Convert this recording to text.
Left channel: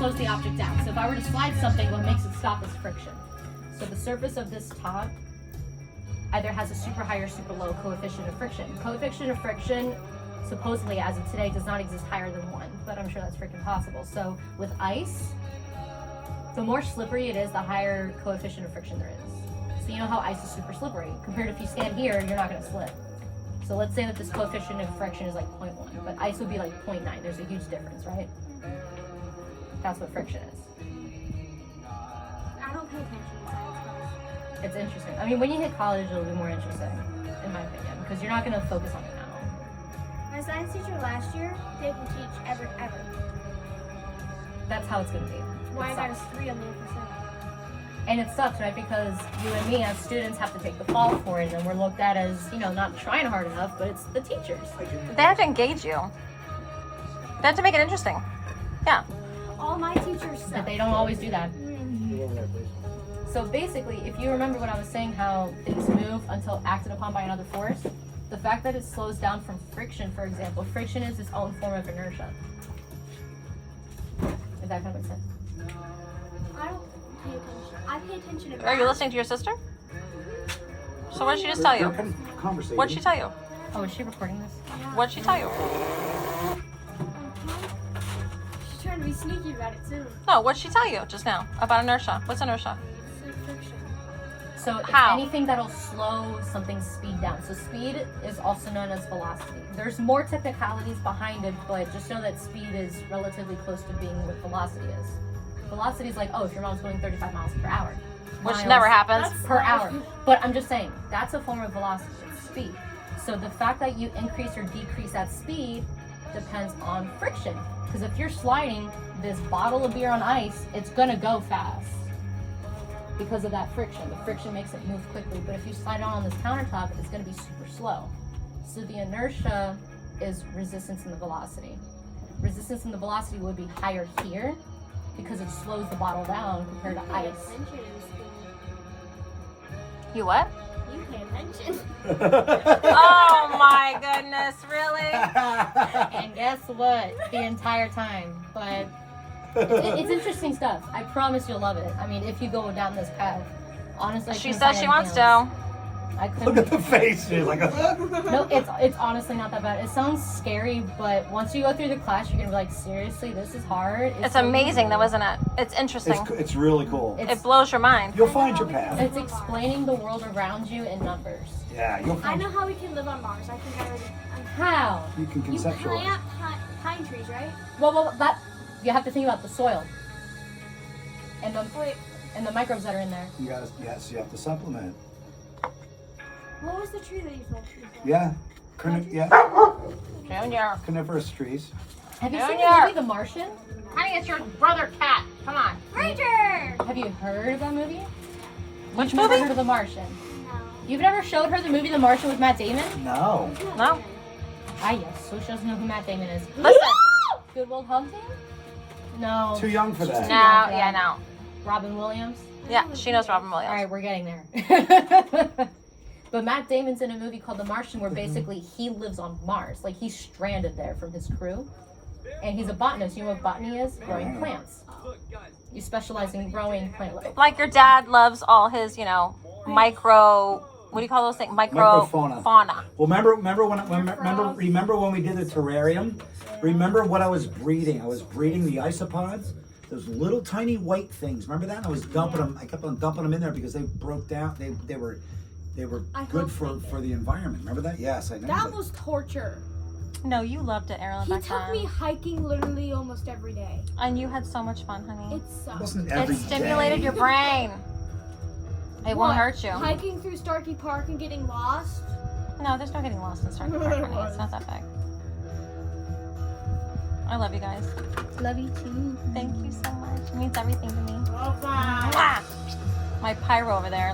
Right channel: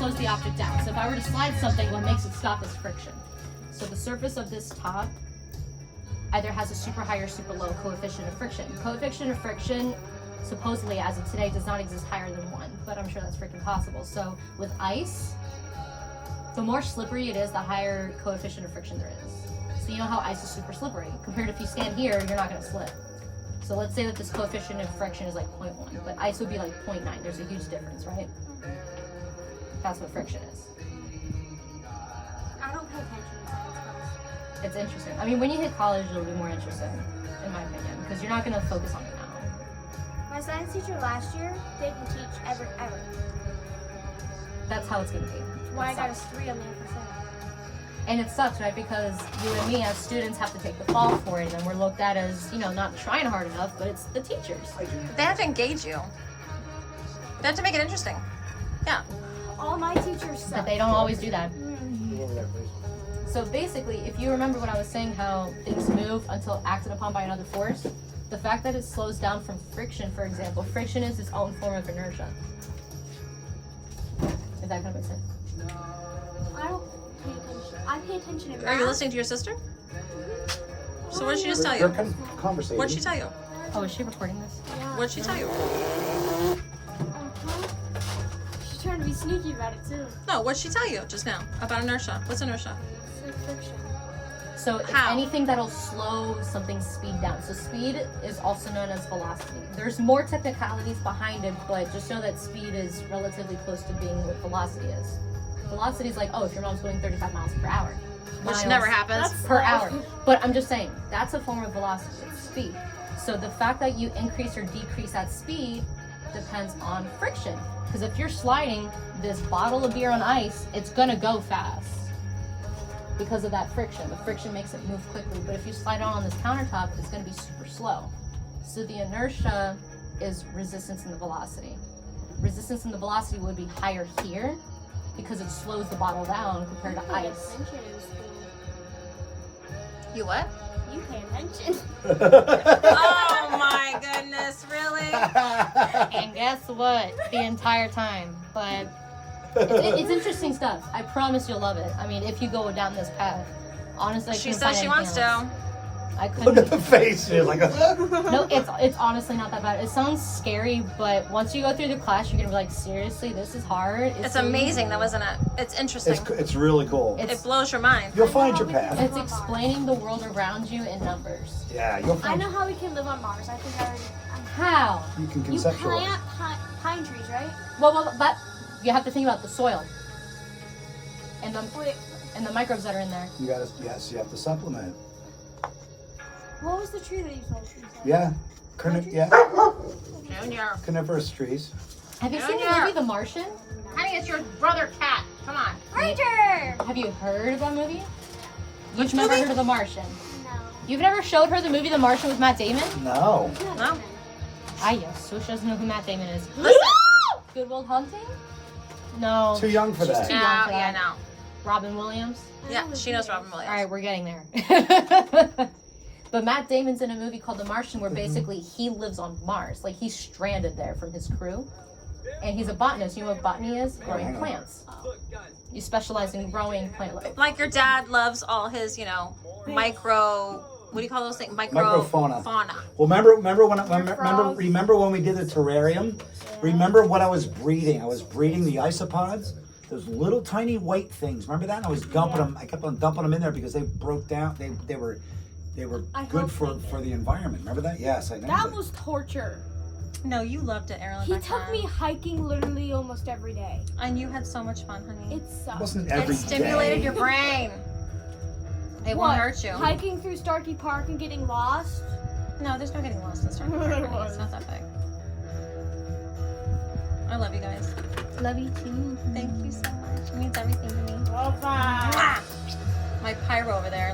slows the object down. So if I were to slide something, what makes it stop is friction. So the surface of this top either has a super high or super low coefficient of friction. Coefficient of friction, supposedly as of today, does not exist higher than 1, but I'm sure that's freaking possible. So with ice, the more slippery it is, the higher coefficient of friction there is. So you know how ice is super slippery. Compared to if you stand here, you're not going to slip. So let's say that this coefficient of friction is like 0.1, but ice would be like 0.9. There's a huge difference, right? That's what friction is. I don't pay attention to science class. It's interesting. I mean, when you hit college, it'll be more interesting, in my opinion, because you're not going to focus on it now. My science teacher last year didn't teach ever. That's how it's going to be. Why I got a 3 on the FSA. And it sucks, right? Because you and me as students have to take the fall for it, and we're looked at as, you know, not trying hard enough, but it's the teachers. They have to engage you. They have to make it interesting. Yeah. All my teachers suck. But they don't always do that. Mm. So basically, if you remember what I was saying, how things move until acted upon by another force, the fact that it slows down from friction, for example, friction is its own form of inertia. If that kind of makes sense. I don't pay attention. I pay attention to math. Are you listening to your sister? So what did she just tell you? Conversation. What did she tell you? Oh, is she recording this? Yeah. What did she tell you? She's trying to be sneaky about it too. No, what did she tell you just now about inertia? What's inertia? It's like friction. So it's How? anything that'll slow something's speed down. So speed is also known as velocity. There's more technicalities behind it, but just know that speed is relatively close to being what velocity is. Velocity is like, oh, if your mom's going 35 miles per hour. Which Miles never happens. per hour. But I'm just saying, that's a form of velocity, it's speed. So the fact that you increase or decrease that speed depends on friction. Because if you're sliding this bottle of beer on ice, it's gonna go fast because of that friction. The friction makes it move quickly. But if you slide it on this countertop, it's gonna be super slow. So the inertia is resistance in the velocity. Resistance in the velocity would be higher here because it slows the bottle down compared to ice. Attention in school. You what? You pay attention. Oh my goodness, really? And guess what? The entire time. But it's interesting stuff. I promise you'll love it. I mean, if you go down this path. Honestly, I She couldn't says find she anything wants else. to. I Look couldn't. at the face. She's like, No, it's honestly not that bad. It sounds scary, but once you go through the class, you're gonna be like, seriously, this is hard. It's so amazing easy. though, isn't it? It's interesting. it's really cool. It blows your mind. You'll find your path. It's explaining the world around you in numbers. Yeah, you'll I find. know how we can live on Mars. I think I already. How? You can You conceptualize. plant pine trees, right? Well, but you have to think about the soil and Wait, the microbes that are in there. You guys, yes, you have to supplement. what was the tree that you told me? Yeah, yeah, Junior. coniferous trees. Have you seen the Junior. movie The Martian? Honey, it's your brother cat. Come on. Ranger! Have you heard of that movie? Which You've never movie? heard of The Martian. No. You've never showed her the movie The Martian with Matt Damon? No. No. Ah, yes. So she doesn't know who Matt Damon is. Listen. Good Will Hunting? No. Too young for that. too No, young for yeah, that. no. Robin Williams? Yeah, she knows Robin Williams. All right, we're getting there. But Matt Damon's in a movie called The Martian where basically he lives on Mars. Like he's stranded there from his crew. And he's a botanist. You know what botany is? Growing plants. You specialize in growing plant life. Like your dad loves all his, you know, micro. What do you call those things? Microfauna. Fauna. Well, remember when we did the terrarium? Remember what I was breeding? I was breeding the isopods. Those little tiny white things. Remember that? I was dumping them. I kept on dumping them in there because they broke down. They were I good hope for they did. the environment. Remember that? Yes, I know. That was torture. No, you loved it, Aralynn. He took me hiking literally almost every day. And you had so much fun, honey. It sucked. wasn't every It stimulated day. your brain. It won't hurt you. Hiking through Starkey Park and getting lost? No, there's no getting lost in Starkey Park, honey. It's not that big. I love you guys. Love you too. Thank you so much. It means everything to me. Bye-bye. My pyro over there.